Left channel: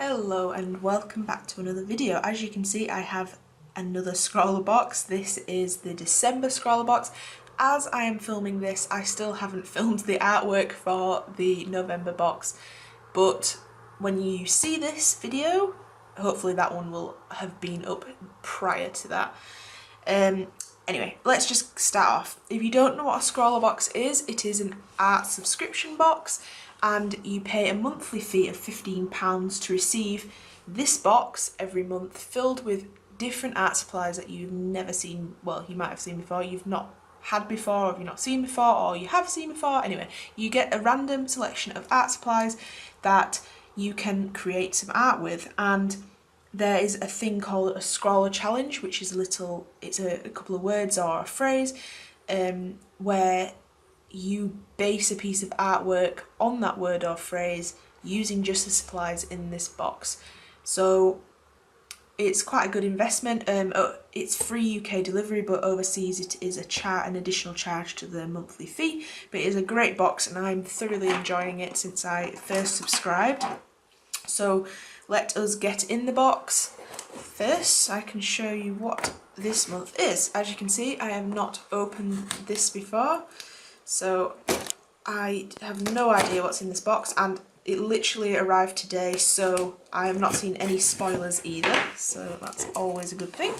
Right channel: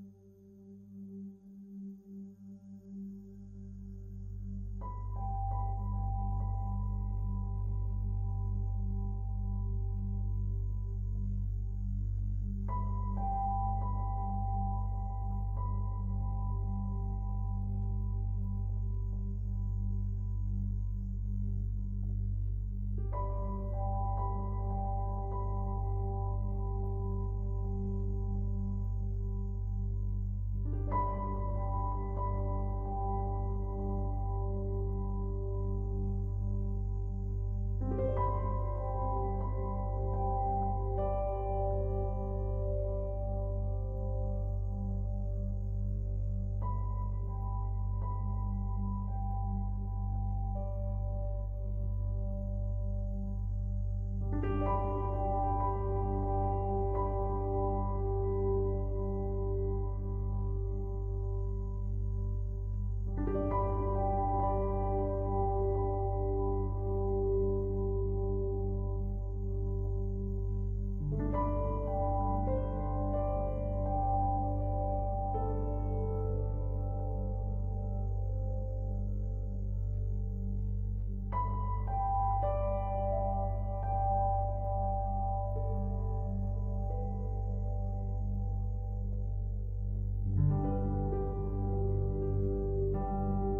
Hello and welcome back to another video. As you can see, I have another ScrawlrBox. This is the December ScrawlrBox. As I am filming this, I still haven't filmed the artwork for the November box, but when you see this video, hopefully that one will have been up prior to that. Anyway, let's just start off. If you don't know what a ScrawlrBox is, it is an art subscription box, and you pay a monthly fee of £15 to receive this box every month, filled with different art supplies that you've never seen. Well, you might have seen before, you've not had before, or you've not seen before, or you have seen before. Anyway, you get a random selection of art supplies that you can create some art with, and there is a thing called a scrawler challenge, which is it's a couple of words or a phrase where you base a piece of artwork on that word or phrase using just the supplies in this box. So it's quite a good investment. It's free UK delivery, but overseas it is an additional charge to the monthly fee. But it is a great box and I'm thoroughly enjoying it since I first subscribed. So let us get in the box. First, I can show you what this month is. As you can see, I have not opened this before, so I have no idea what's in this box, and it literally arrived today, so I have not seen any spoilers either, so that's always a good thing.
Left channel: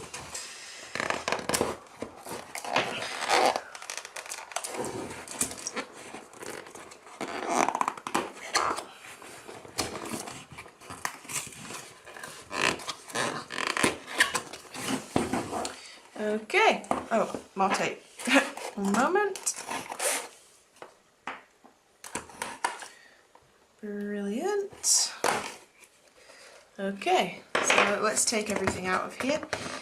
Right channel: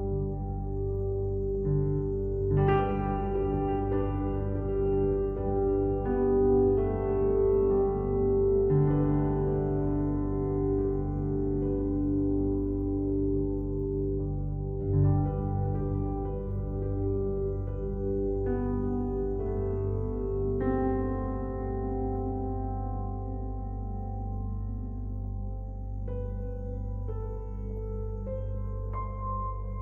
Okay, oh, more tape. One moment. Brilliant. Okay, so let's take everything out of here.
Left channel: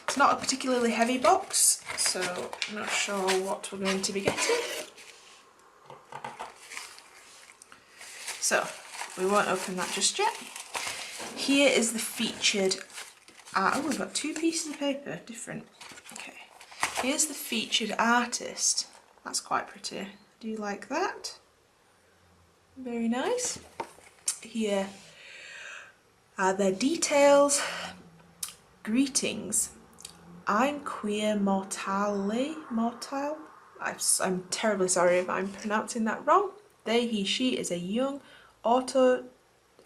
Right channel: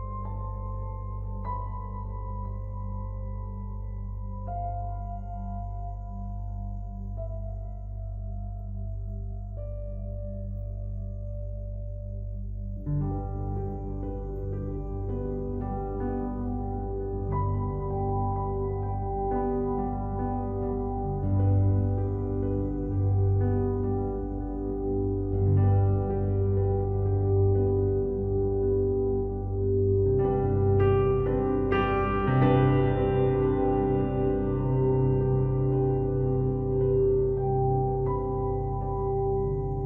It's not a particularly heavy box, so I'm not sure what we're going to be getting. So, we won't open that just yet. Here is the featured art. Oh, we've got two pieces of paper, different. Okay. Here's the featured artist. That's quite pretty. Do you like that? Very nice. Here are their details. Greetings. I'm queer mortale. I'm terribly sorry if I'm pronouncing that wrong. They, he, she is a young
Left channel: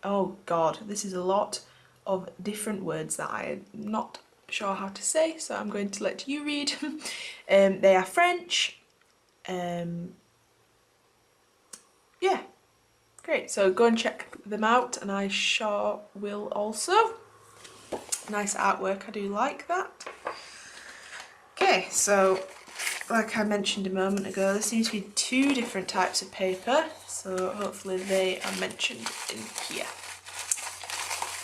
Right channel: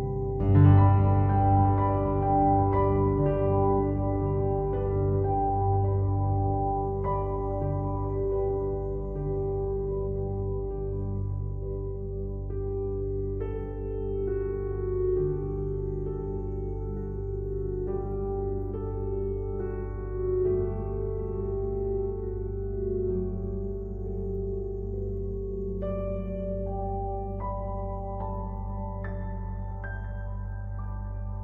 oh god, this is a lot of different words that I'm not sure how to say, so I'm going to let you read. They are French. Yeah, great, so go and check them out, and I sure will also. Nice artwork, I do like that. Okay, so like I mentioned a moment ago, there seems to be two different types of paper, so hopefully they are mentioned in here.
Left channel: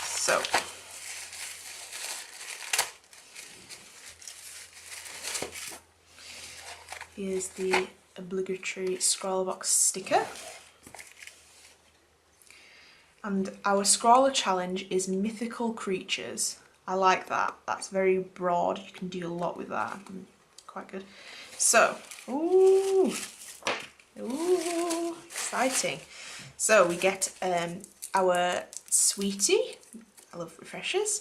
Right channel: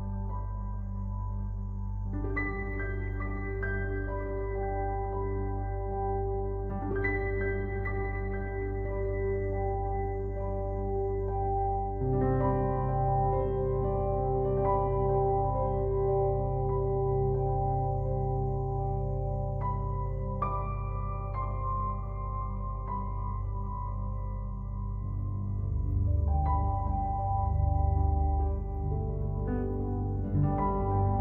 So here's the obligatory ScrawlrBox sticker. And our Scrawler challenge is mythical creatures. I like that. That's very broad. You can do a lot with that. Quite good. So, ooh, exciting. So we get our sweetie. I love refreshers.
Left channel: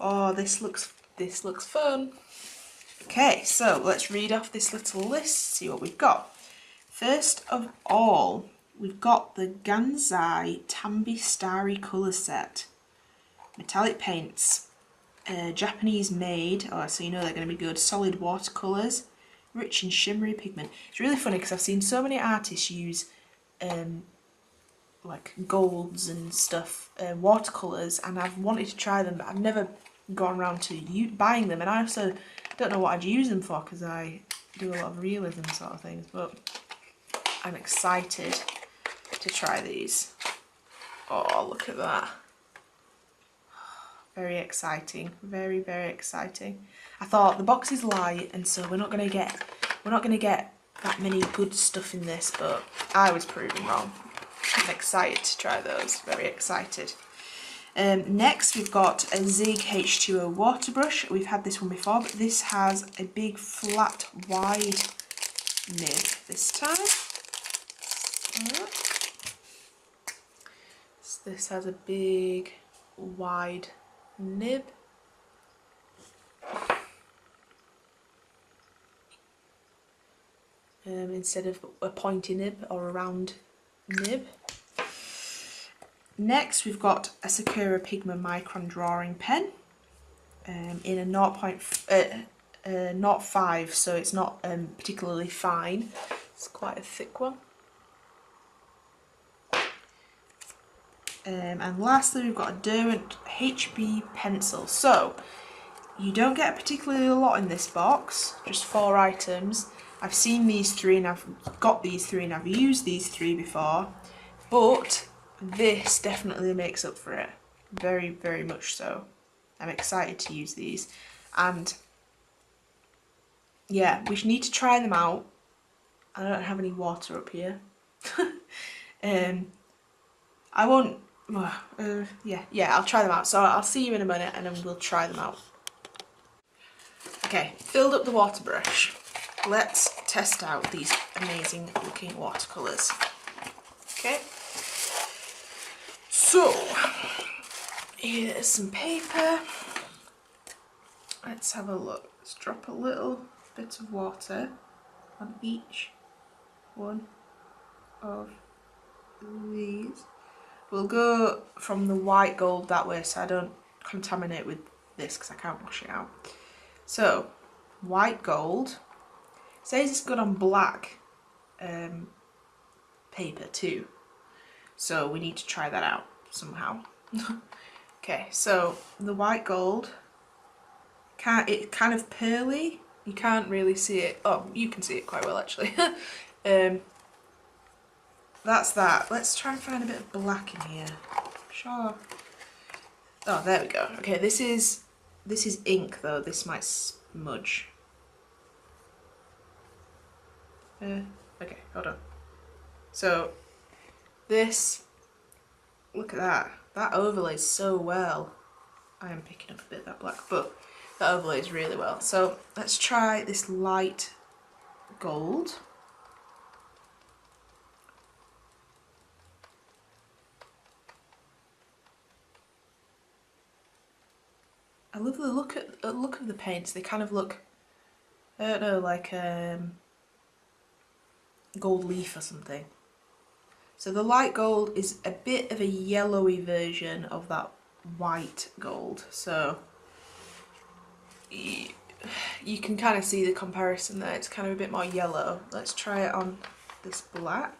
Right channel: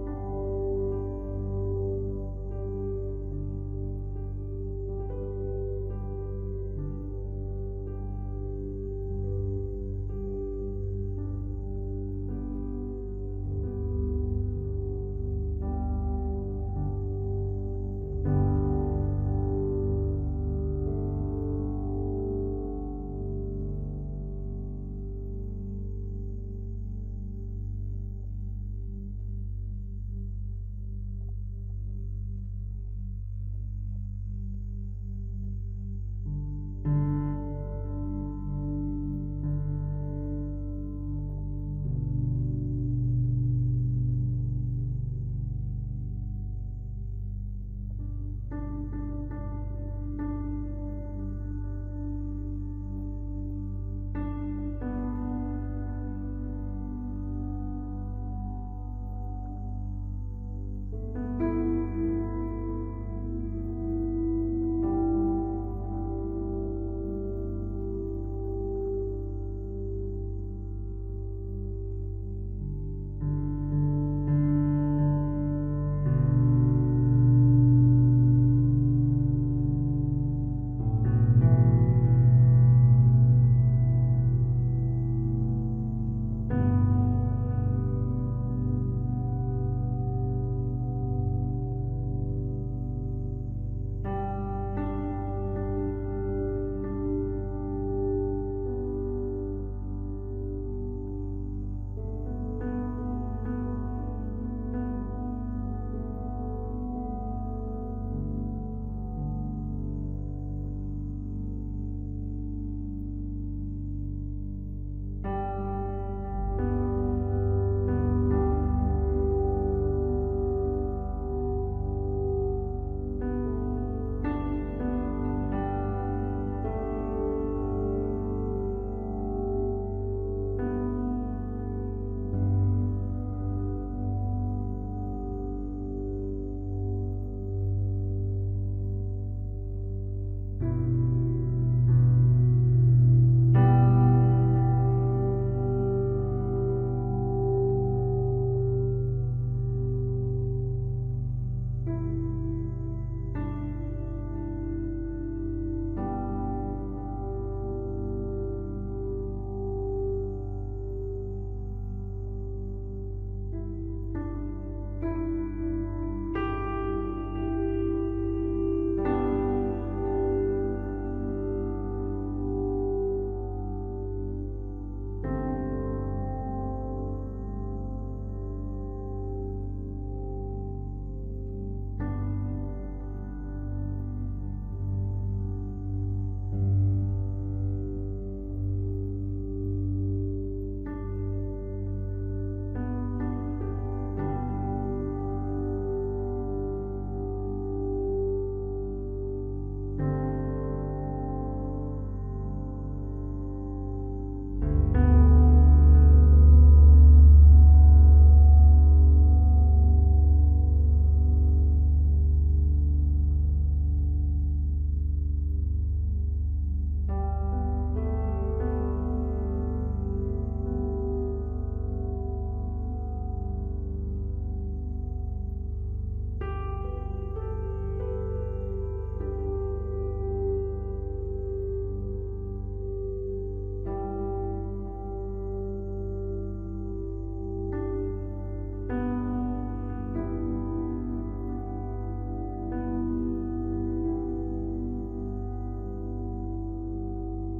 Oh, this looks fun. Okay, so let's read off this little list, see what we've got. First of all, we've got the Gansai Tambi starry colour set. Metallic paints, Japanese made, so you know they're going to be good. Solid watercolours, rich and shimmery pigment. It's really funny because I've seen so many artists use like golds and stuff, watercolours, and I've wanted to try them, but I've never gone around to buying them, and I also don't know what I'd use them for because I do a lot of realism sort of things, but I'm excited to try these. Oh, look at that. Very exciting, very, very exciting. I thought the box is light, and so we're not gonna get that many good stuff in this, but I was proven wrong. I'm excited to try those, very excited. Next we've got a Zig H2O water brush. We've had this one before, but this has a big flat wide nib this time. It's the this has a big wide nib. Instead of a pointy nib or a round nib. Next we've got a Sakura Pigma Micron drawing pen in a 0.5, so it's not particularly fine. It's quite a thick one. And lastly we've got a derwent HB pencil. So you don't get particularly a lot in this box, just 4 items. I've seen these 3 and I've got these 3 and I've used these 3 before, but this definitely makes up for it, very, very much so. I'm excited to use these, and yeah, we need to try them out. I don't have any water up here. I won't, yeah, I'll try them out, so I'll see you in a minute and then we'll try them out. Okay, filled up the water brush. Let's test out these amazing looking watercolours. Okay, so here's some paper. Let's have a look. Let's drop a little bit of water on each one of these. We'll go from the white gold that way so I don't contaminate with this because I can't wash it out. So, white gold. It says it's good on black paper too, so we need to try that out somehow. Okay, so the white gold, it's kind of pearly. You can't really see it. Oh, you can see it quite well actually. That's that. Let's try and find a bit of black in here. Sure. Oh, there we go. Okay, this is ink though. This might smudge. So this, look at that, that overlays so well. I am picking up a bit of that black, but that overlays really well. So let's try this light gold. I love the look of the paints. They kind of look, I don't know, like gold leaf or something. So the light gold is a bit of a yellowy version of that white gold. So you can kind of see the comparison there. It's kind of a bit more yellow. Let's try it on this black.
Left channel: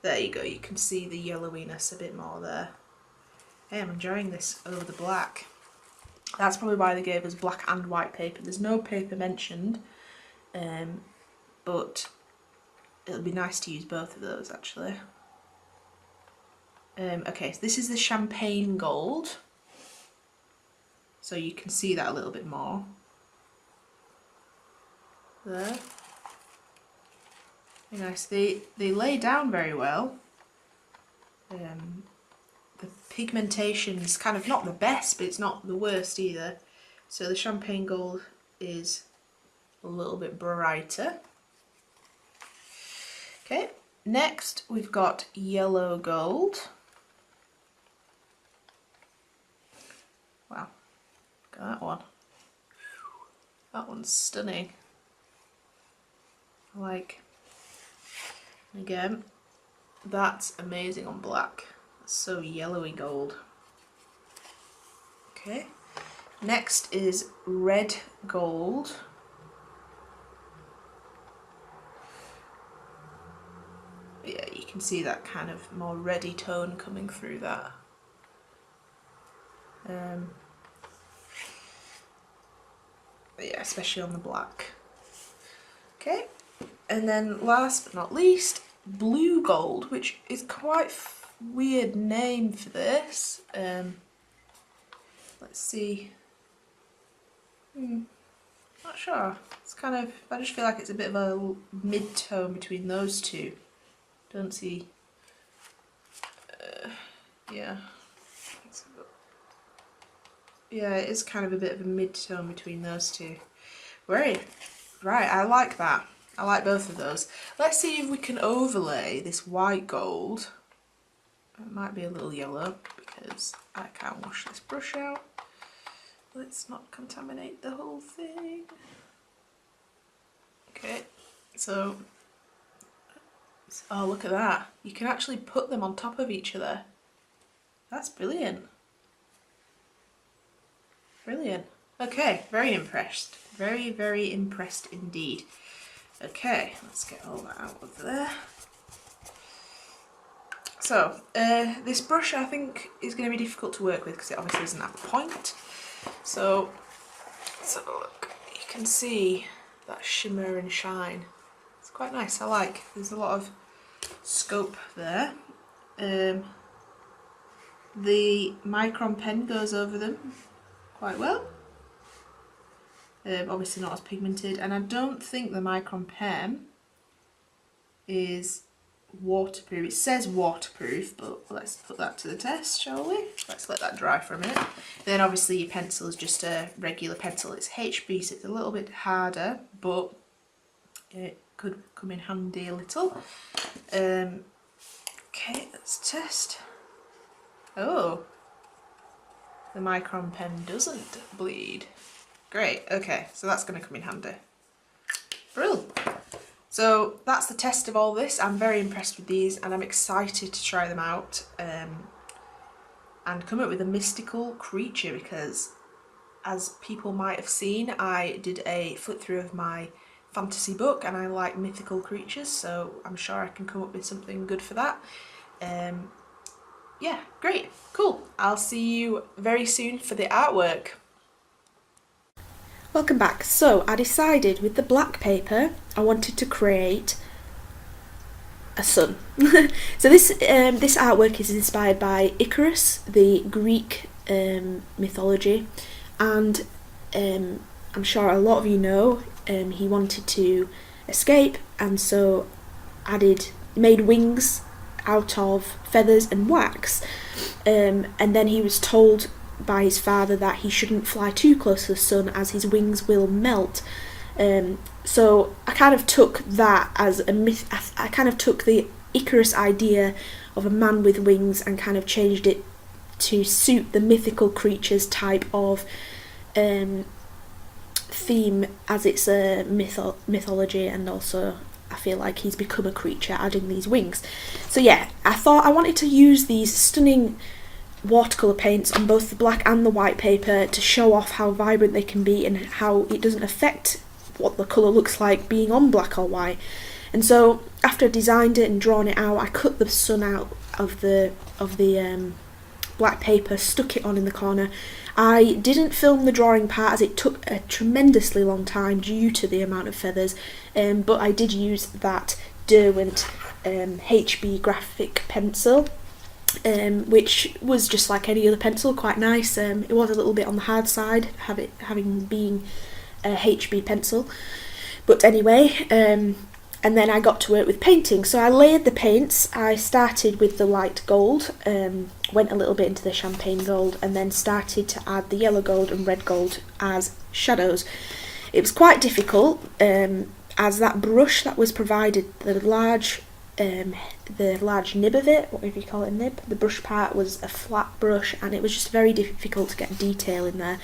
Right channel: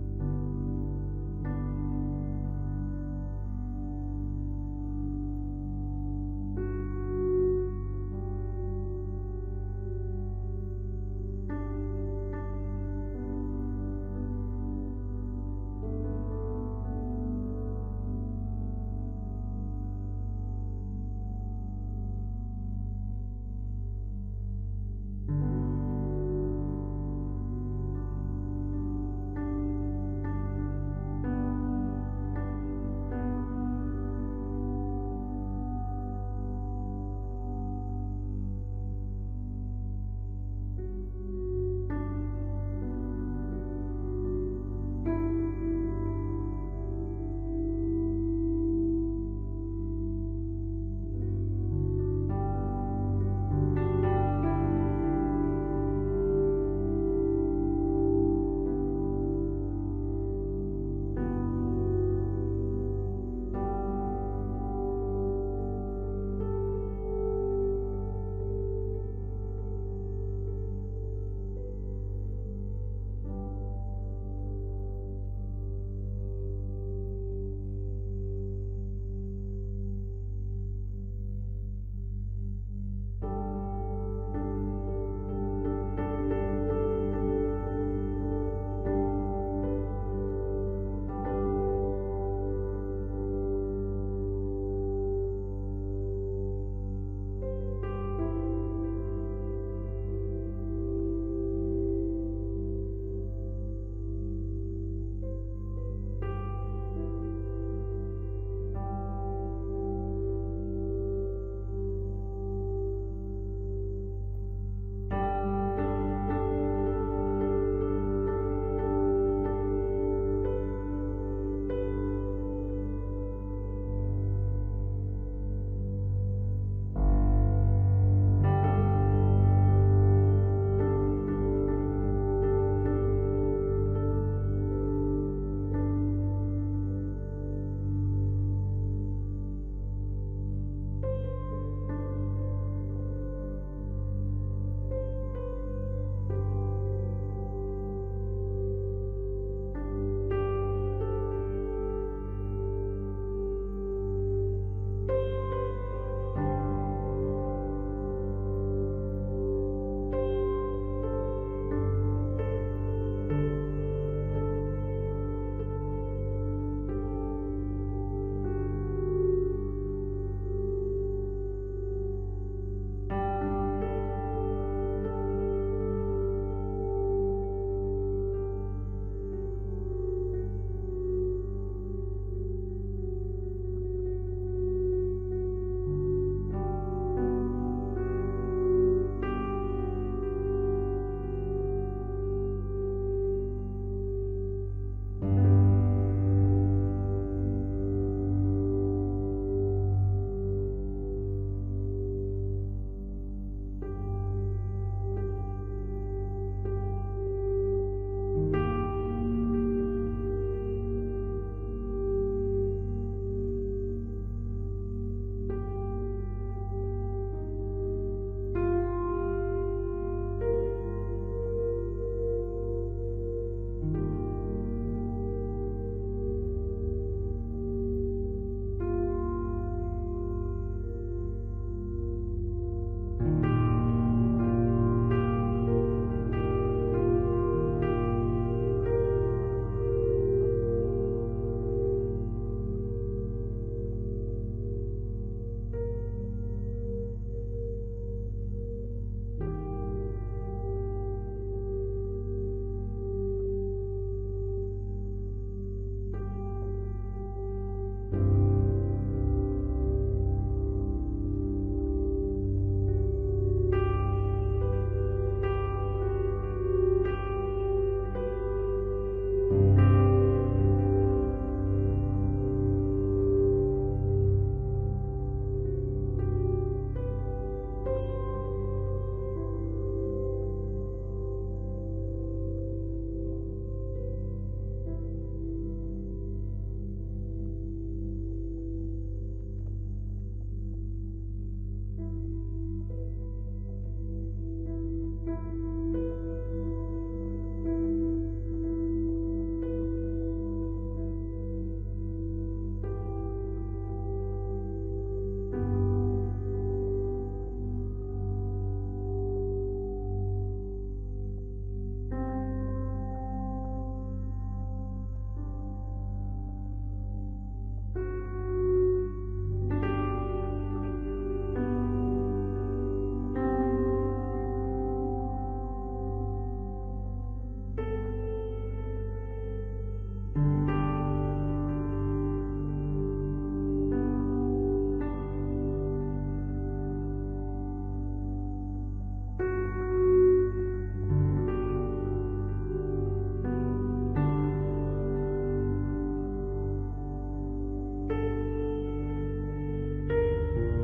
There you go. You can see the yellowiness a bit more there. Hey, I'm enjoying this over the black. That's probably why they gave us black and white paper. There's no paper mentioned, but it'll be nice to use both of those actually. Okay, so this is the champagne gold, so you can see that a little bit more there. Very nice. They lay down very well. The pigmentation is kind of not the best, but it's not the worst either. So the champagne gold is a little bit brighter. Okay, next we've got yellow gold. Wow, look at that one. That one's stunning. Like, again, that's amazing on black. It's so yellowy gold. Okay, next is red gold. See that kind of more reddy tone coming through that. But yeah, especially on the black. Okay, and then last but not least, blue gold, which is quite a weird name for this. Let's see. Not sure. It's kind of, I just feel like it's a bit of a mid-tone between those two. Don't see. Yeah, it is kind of a bit of a mid-tone between those two. Right, I like that. I like both of those. Let's see if we can overlay this white gold Might be a little yellow because I can't wash this brush out. Let's not contaminate the whole thing. Okay, so oh, look at that. You can actually put them on top of each other. That's brilliant. Brilliant. Okay, very impressed. Very, very impressed indeed. Okay, let's get all that out of there. So, this brush I think is going to be difficult to work with because it obviously doesn't have a point. So, let's have a look. You can see that shimmer and shine. It's quite nice, I like. There's a lot of scope there. The Micron pen goes over them quite well. Obviously not as pigmented, and I don't think the Micron pen is waterproof. It says waterproof, but let's put that to the test, shall we? Let's let that dry for a minute. Then obviously your pencil is just a regular pencil. It's HB, so it's a little bit harder, but it could come in handy a little. Okay, let's test. Oh, the Micron pen doesn't bleed. Great, okay, so that's going to come in handy. Brilliant. So that's the test of all this. I'm very impressed with these and I'm excited to try them out and come up with a mystical creature, because as people might have seen, I did a flip through of my fantasy book and I like mythical creatures, so I'm sure I can come up with something good for that. Yeah, great, cool. I'll see you very soon for the artwork. Welcome back. So I decided with the black paper I wanted to create a sun. So this artwork is inspired by Icarus, the Greek mythology, and I'm sure a lot of you know he wanted to escape, and so made wings out of feathers and wax, and then he was told by his father that he shouldn't fly too close to the sun as his wings will melt. So I kind of took that as a myth. I kind of took the Icarus idea of a man with wings and kind of changed it to suit the mythical creatures type of theme, as it's a mythology, and also I feel like he's become a creature adding these wings. So yeah, I thought I wanted to use these stunning watercolour paints on both the black and the white paper to show off how vibrant they can be and how it doesn't affect what the colour looks like being on black or white. And so after I designed it and drawn it out, I cut the sun out of the black paper, stuck it on in the corner. I didn't film the drawing part as it took a tremendously long time due to the amount of feathers, but I did use that Derwent HB graphic pencil, which was just like any other pencil, quite nice. It was a little bit on the hard side, having been a HB pencil, but anyway, and then I got to work with painting. So I layered the paints. I started with the light gold, went a little bit into the champagne gold, and then started to add the yellow gold and red gold as shadows. It was quite difficult, as that brush that was provided, the large nib of it, whatever you call it, nib, the brush part was a flat brush, and it was just very difficult to get detail in there,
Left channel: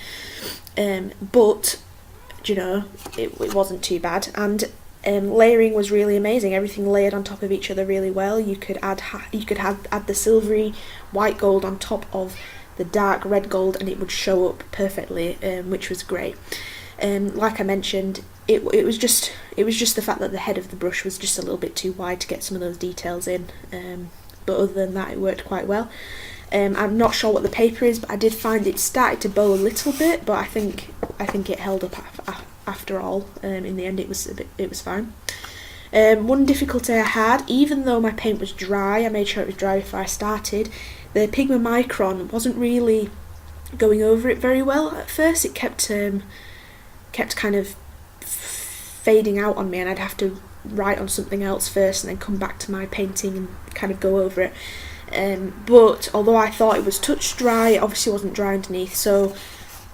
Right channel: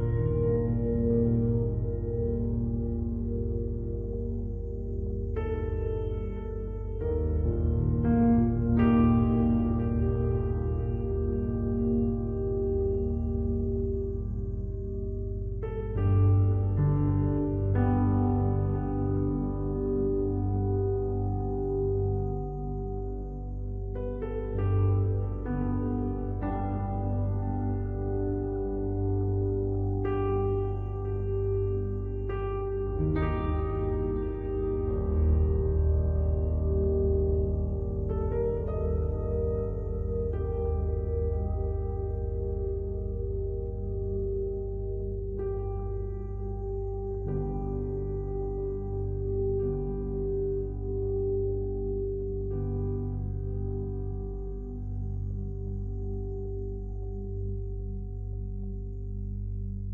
but you know, it wasn't too bad. And layering was really amazing. Everything layered on top of each other really well. You could add the silvery white gold on top of the dark red gold, and it would show up perfectly, which was great. Like I mentioned, it was just the fact that the head of the brush was just a little bit too wide to get some of those details in, but other than that it worked quite well. I'm not sure what the paper is, but I did find it started to bow a little bit, but I think it held up after all. In the end it was fine. One difficulty I had, even though my paint was dry, I made sure it was dry before I started, the Pigma Micron wasn't really going over it very well at first. It kept kind of fading out on me, and I'd have to write on something else first and then come back to my painting and kind of go over it. But although I thought it was touch dry, it obviously wasn't dry underneath, so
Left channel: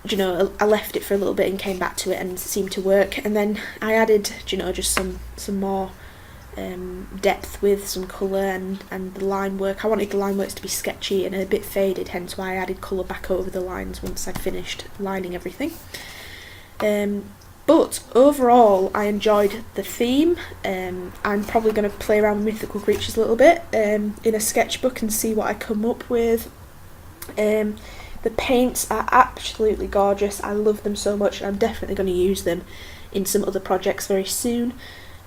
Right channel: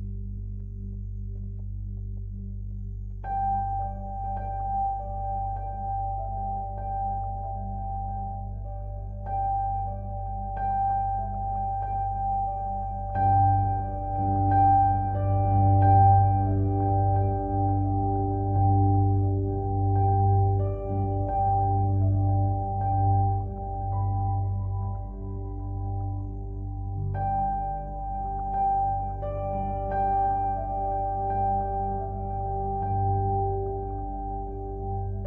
you know, I left it for a little bit and came back to it, and it seemed to work. And then I added, you know, just some more depth with some colour and the line work. I wanted the line works to be sketchy and a bit faded, hence why I added colour back over the lines once I'd finished lining everything. But overall I enjoyed the theme. I'm probably going to play around with mythical creatures a little bit in a sketchbook and see what I come up with. The paints are absolutely gorgeous. I love them so much, and I'm definitely going to use them in some other projects very soon.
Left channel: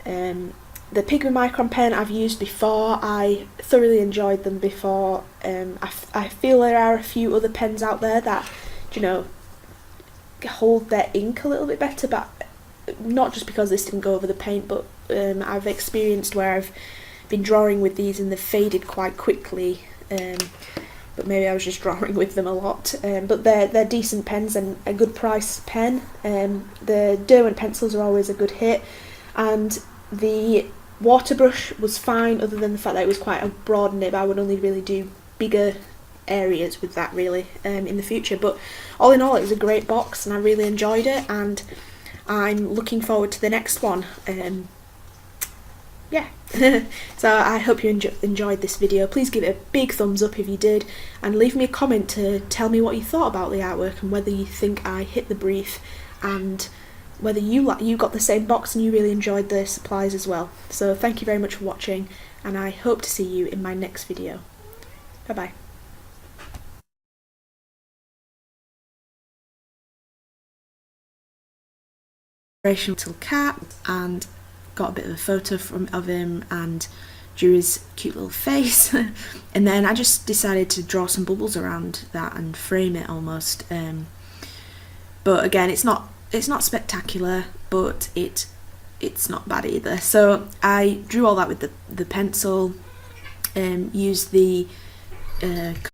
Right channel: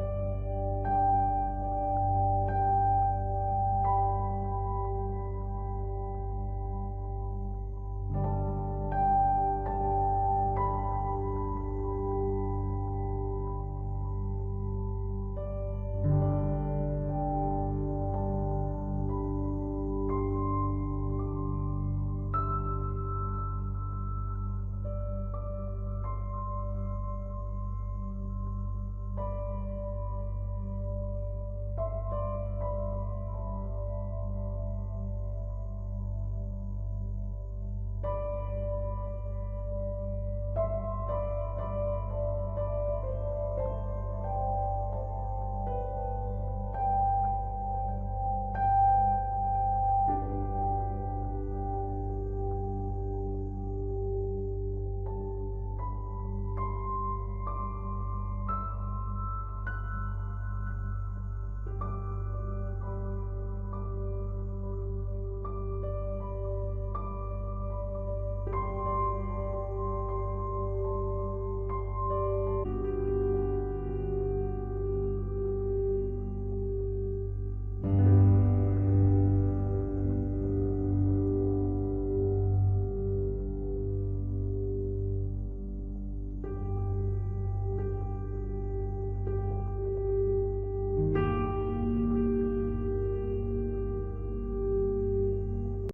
The Pigma Micron pen I've used before. I thoroughly enjoyed them before. I feel there are a few other pens out there that, you know, hold their ink a little bit better, but not just because this didn't go over the paint, but I've experienced where I've been drawing with these and they've faded quite quickly. But maybe I was just drawing with them a lot. But they're decent pens and a good price pen. The derwent pencils are always a good hit, and the waterbrush was fine, other than the fact that it was quite a broad nib. I would only really do bigger areas with that really in the future. But all in all, it was a great box and I really enjoyed it, and I'm looking forward to the next one. Yeah. So I hope you enjoyed this video. Please give it a big thumbs up if you did, and leave me a comment to tell me what you thought about the artwork and whether you think I hit the brief, and whether you got the same box and you really enjoyed the supplies as well. So thank you very much for watching, and I hope to see you in my next video. Bye bye. Little cat, and got a bit of a photo of him and drew his cute little face. And then I just decided to draw some bubbles around that and frame it almost. But again, it's not spectacular, but it's not bad either. So I drew all that with the pencil, used the